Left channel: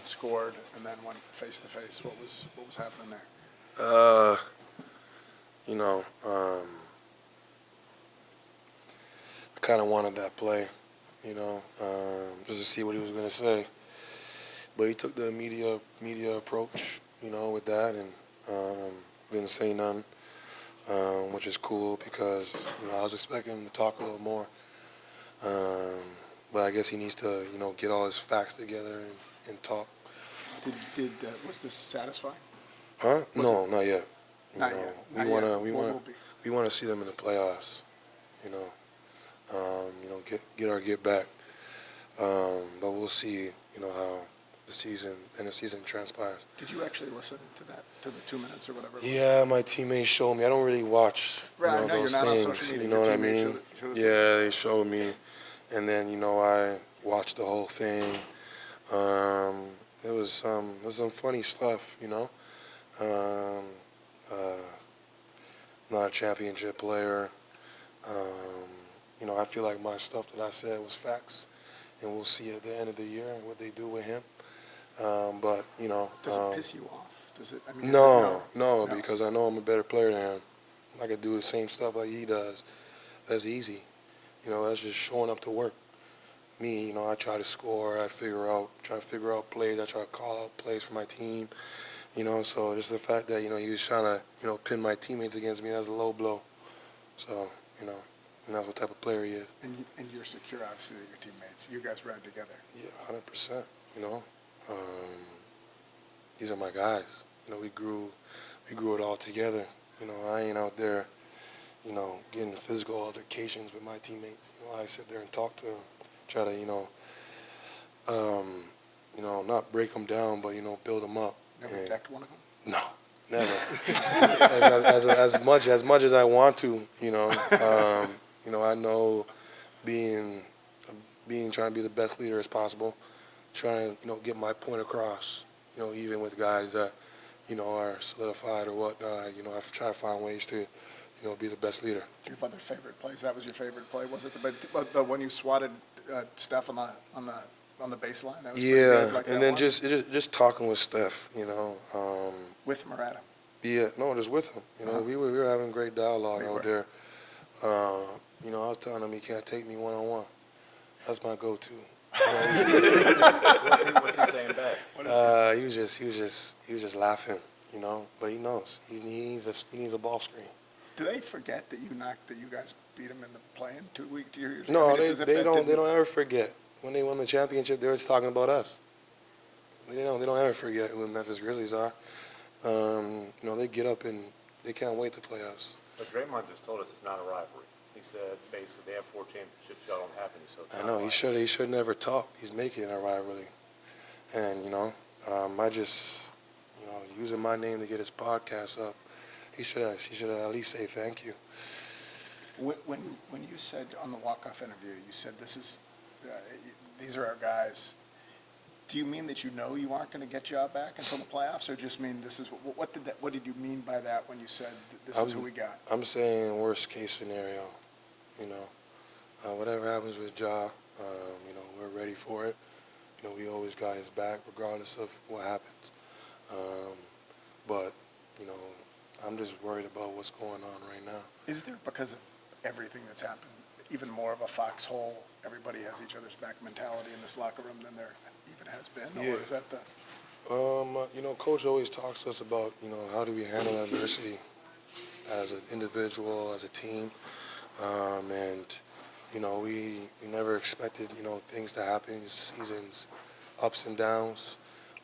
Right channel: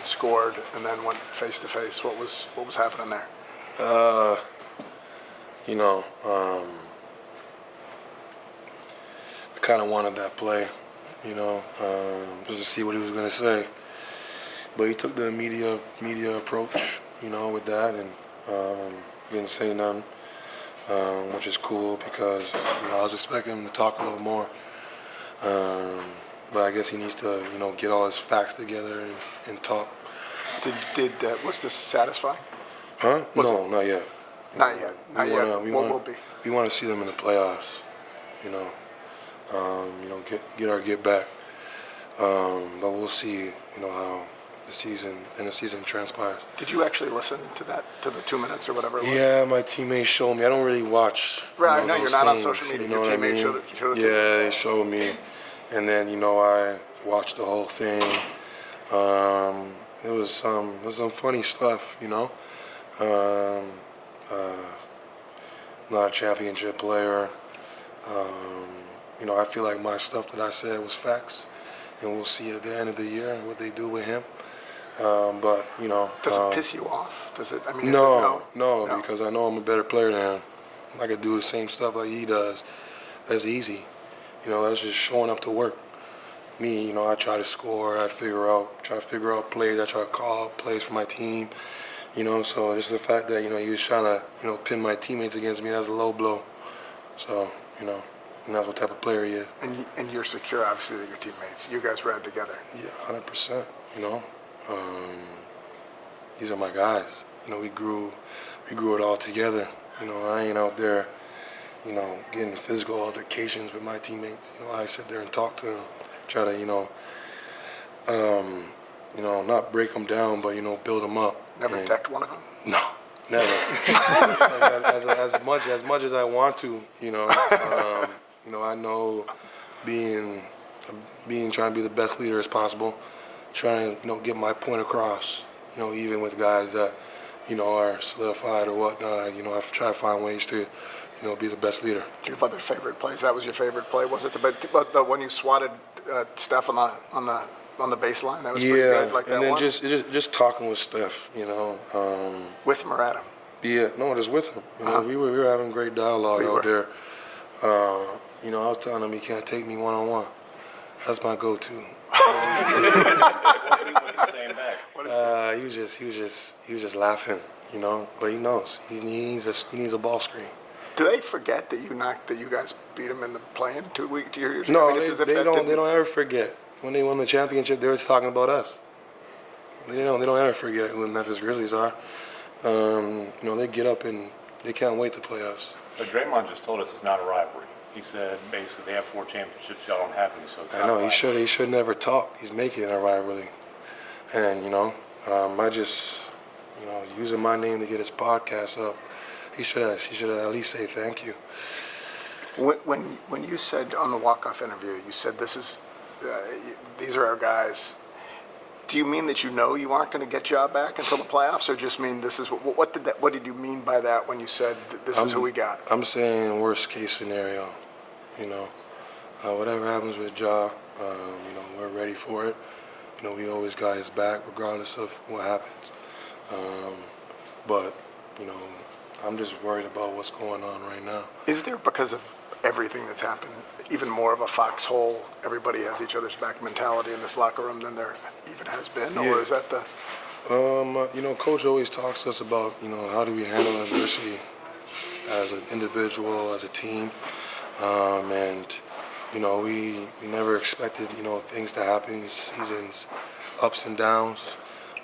Draymond scored and then went face to face. What was happening there? You know, I kind of wanted that play, just to see what he was going to say. But he took the media approach, with that, and didn't say nothing, which is cool because I was expecting him to talk a little more. But I guess he needs to, get all his facts together and talk. Was this satisfying? Huh? No, not yet. Not yet. We want to see them in the playoffs. Get back. But we'll see. How the season transpires. Did you actually listen to the 2 minutes or whatever it was? Yeah, my teammates showed me. I don't really watch those things. You know what I mean? Yeah, they showed me, and then I watched the whole thing. It was some funny stuff. Not a championship player. I feel like my stuff that I said was facts, and we'll see at the end of the year what they do with him. Does it piss you off? Does it? No, because I know I'm a better player than him. I could do the same stuff like he does. That's easy. That's just showing up to work. Me, I try to score. I try to figure out plays. I try to call out plays for my team. So just the fact that he was trying to pin my teammates against me, that's a low blow. So and that's what type of player he is. And you're secure, obviously, that your teammates. You guys ran together. Yeah, 100%. These are my guys. We grew it all together. I ain't out there, getting physical altercations with my teammates. I sit there and talk to them, try to, not break them down, but build them up. Never decked one of them? No, never. as much as I want to, I know trying to be the best leader as possible, trying to get my point across. Even with guys that are solidified or whatnot. I've tried to find ways to be the best leader. Do you have other favorite plays? That was your favorite play, was it? The when you swatted Steph on the baseline. That was pretty good, like and then just talking with Steph. With him or at him? Yeah, no, just with him. We were having great dialogue out there. I was telling him he can't take me one-on-one. That's my go-to. What's he saying back? He was just laughing, But he knows he needs a ball screen. Do they forget that you guys beat him in the play-in 2 weeks? No, they don't ever forget. When they won the championship, they were just talking about us. They don't ever forget who the Memphis Grizzlies are. They get up and they can't wait to play us. But Draymond just told us it's not a rivalry. He said basically they have 4 championships, y'all don't have any, so it's not I know, a rivalry. he should never talk. He's making it a rivalry. And, I just, using my name to get his podcast up, he should at least say thank you. When you said on the walk-off interview, you said these are our guys. Do you mean that you aren't going to get Ja back until the playoffs, or just mean this is what did you mean by that when you said this is who we got? I'm saying worst case scenario. Whatever happens with Ja, we're ready for it. We always got his back regardless of what happens. But I'm just worried about what's going on right now. Is there, because of everything that's happened, even more of a foxhole, everybody has each other's back mentality in this locker room than there even has been? Yeah. Or is that the... Coach always talks to us about, how do we handle adversity as an individual, as a team. We never expected, things to happen, seasons, ups and downs.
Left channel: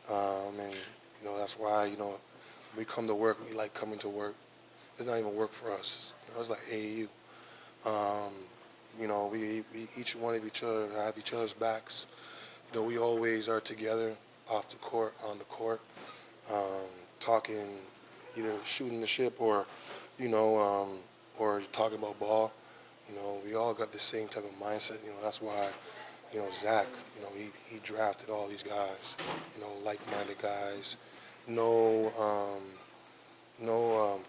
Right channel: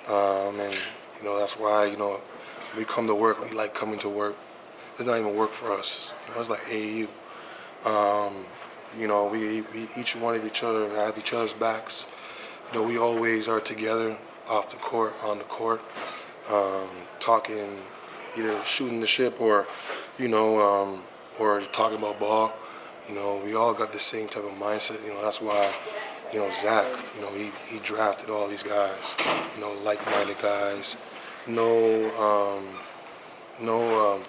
That's why, we come to work, we like coming to work. It's not even work for us. It's like AAU. We each one of each other have each other's backs. We always are together off the court, on the court, talking, either shooting the ship or talking about ball. We all got the same type of mindset. That's why, Zach, he drafted all these guys, like-minded guys. No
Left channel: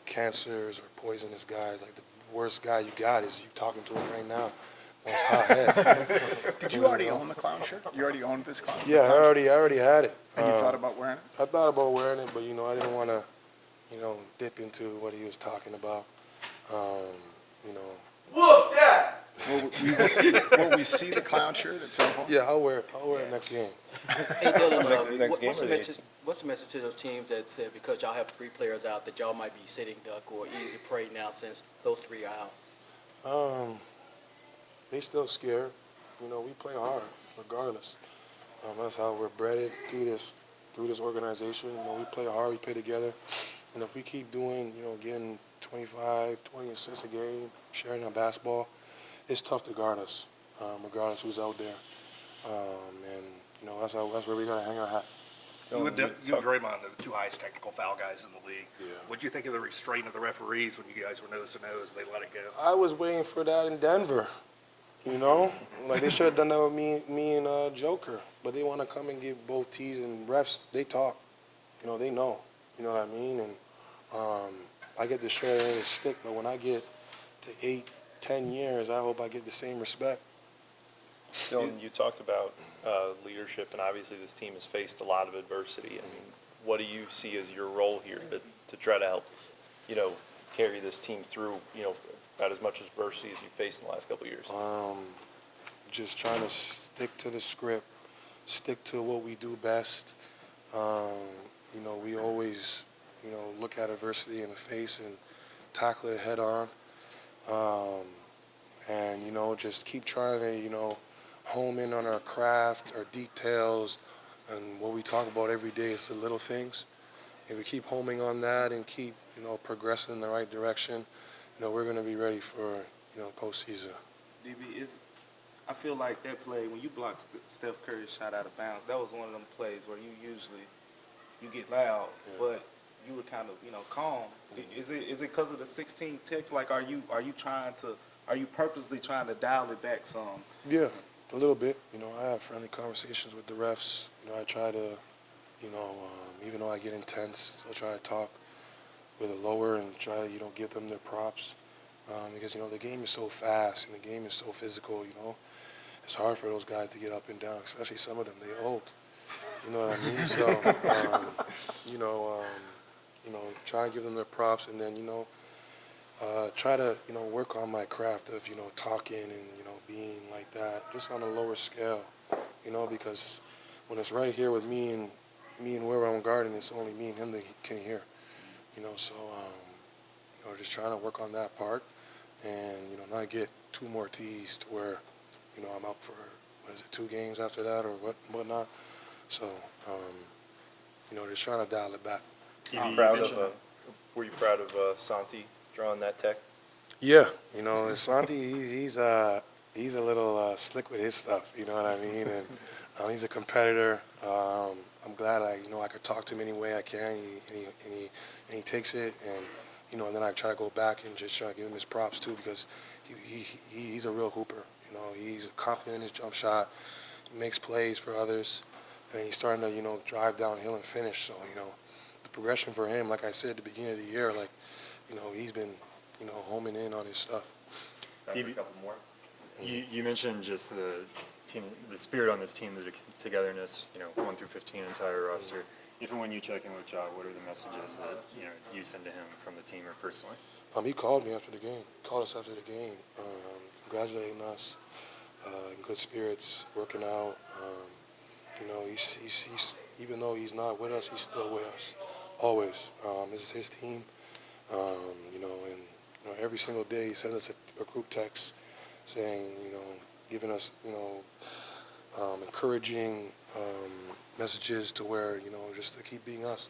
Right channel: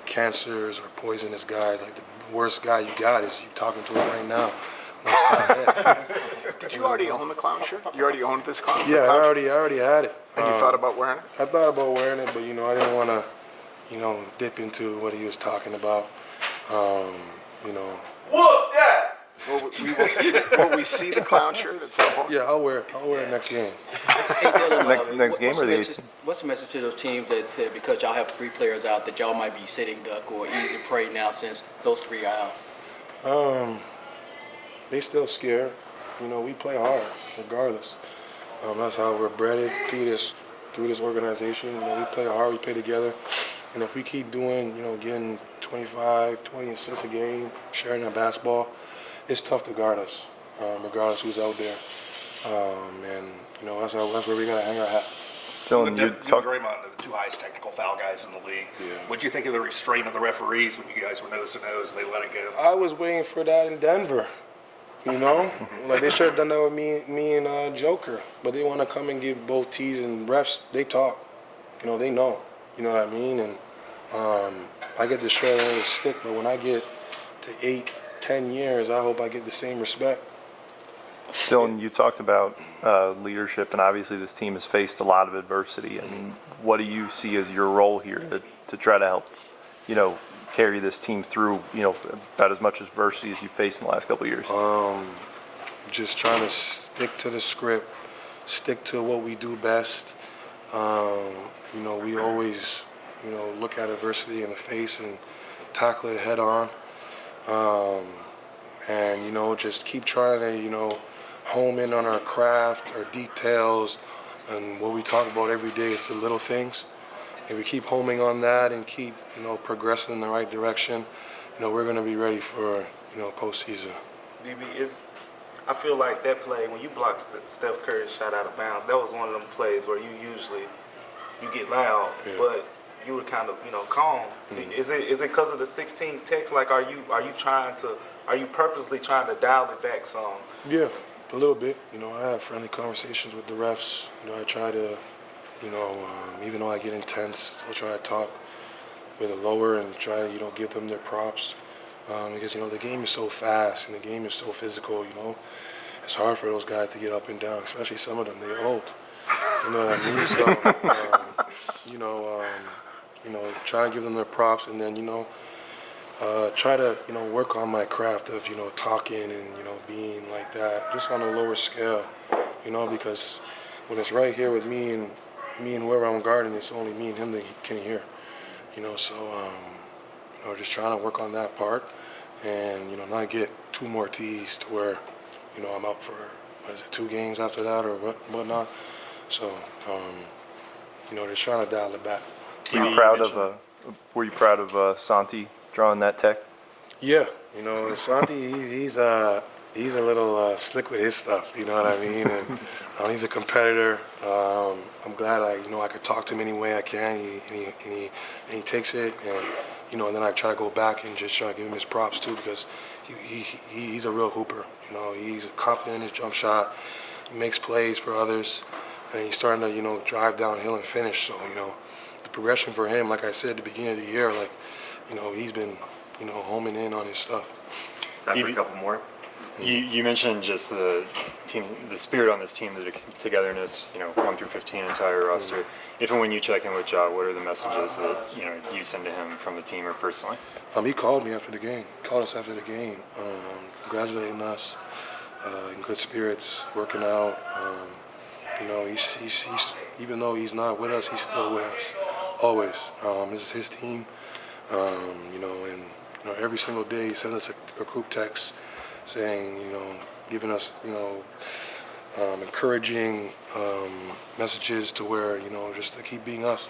cancers or poisonous guys. Like the worst guy you got is you talking to him right now, That's how I had. Did you already own the clown shirt? You already owned this clown? Yeah, clown shirt? I already had it. And you thought about wearing it? I thought about wearing it, but I didn't want to, dip into what he was talking about. You know. Whoop that! Will we see the clown shirt at some point? Yeah, I'll wear it next game. Hey, Dillon, Next game or the what's the message to those teams that said because y'all have 3 players out that y'all might be sitting duck or easy prey now since those 3 are out? They still scared. We play hard regardless. That's how we're bred through this organization. We play hard, we play together. And if we keep doing, getting 25, 20 assists a game, sharing that basketball, it's tough to guard us, regardless who's out there. And that's where we gotta hang our hat. So You and Draymond are the 2 highest technical foul guys in the league. Yeah. What'd you think of the restraint of the referees when you guys were nose to nose? They let it go. I was waiting for that in Denver. Like they should have done that with me and Joker, but they want to come and give both T's and refs. They talk, they know, you know what I mean. And I get the short end of the stick, but when I get to 8, 10 years, I hope I get the same respect. Dillon, you talked about leadership, and obviously this team has faced a lot of adversity. I mean, what do you see as your role here to try to help, carry this team through, about as much adversity as you've faced in the last couple of years? Just trying to stick to the script, stick to what we do best. We always, look at adversity in the face and tackle it head on. And, just keep trying to, home in on our craft, our details, and what we talk about every day is the little things. If we keep homing on that and keep, progressing in the right direction, we're going to be ready for, postseason. DB, I feel like that play, when you blocked Steph Curry's shot out of bounds, that was one of them plays where you get loud, but you were kind of, calm. Is it because of the 16 text? Like, are you purposely trying to dial it back some? Yeah, a little bit. I have friendly conversations with the refs. I try to, even though I get intense, I'll try to talk with a lower and try to, give them their props. Because, the game is so fast and the game is so physical, It's hard for those guys to get up and down, especially some of them. They're old. You know what I mean? So, try to give them their props and then, try to, work on my craft of, talking and, being like that, just on a lower scale, because when it's right here with me and whoever I'm guarding, it's only me and him that can hear, so, just trying to work on that part and, not get 2 more T's to where, I'm out for, 2 games after that or whatnot. So, just trying to dial it back. Were you proud of Santi drawing that tech? Yeah, Santi, he's a little slick with his stuff. You know what I mean? And he's a competitor. I'm glad I could talk to him any way I can. He takes it, and and then I try to go back and just try to give him his props too because he's a real hooper. He's confident in his jump shot. He makes plays for others, and he's starting to drive downhill and finish. So the progression for him, like I said at the beginning of the year, he's been homing in on his stuff. Time for a couple more. You mentioned just the team, the spirit on this team, the togetherness. 1 through 15 entire roster. If and when you check in with Ja, what are the messages that you send to him from the team or personally? He called me after the game. He called us after the game, congratulating us, in good spirits, working out. He's even though he's not with us, he's still with us, always. This is his team, and every single day he sends us a group text saying, giving us, encouraging messages to where, just to keep being us.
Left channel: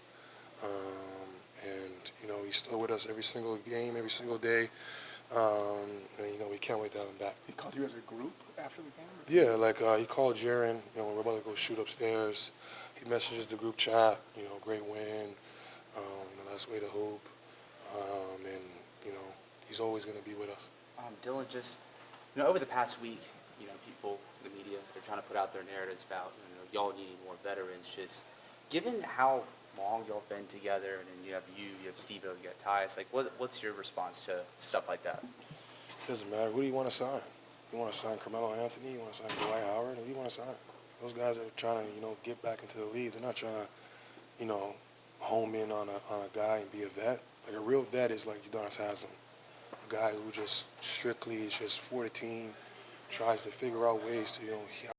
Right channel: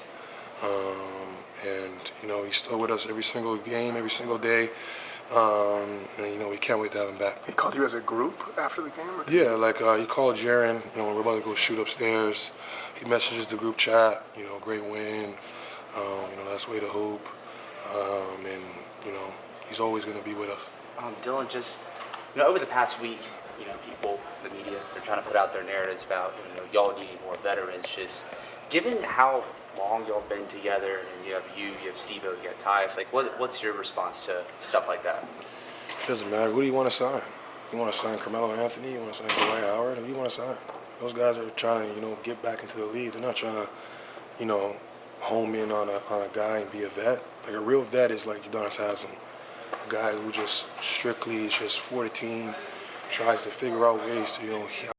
And he's still with us every single game, every single day. And we can't wait to have him back. He called you as a group after the game? Yeah, like he called Jaren, when we're about to go shoot upstairs. He messages the group chat, great win, that's way to hoop. And, he's always going to be with us. Dillon, just, over the past week, people, the media, they're trying to put out their narratives about, y'all needing more veterans. Just given how long y'all been together, and you have Steve-O, you got Tyus, what's your response to stuff like that? It doesn't matter. Who do you want to sign? You want to sign Carmelo Anthony? You want to sign Dwight Howard? Who you want to sign? Those guys are trying to, get back into the league. They're not trying to, home in on a guy and be a vet. Like a real vet is like Udonis Haslam, a guy who just strictly is just for the team, tries to figure out ways to,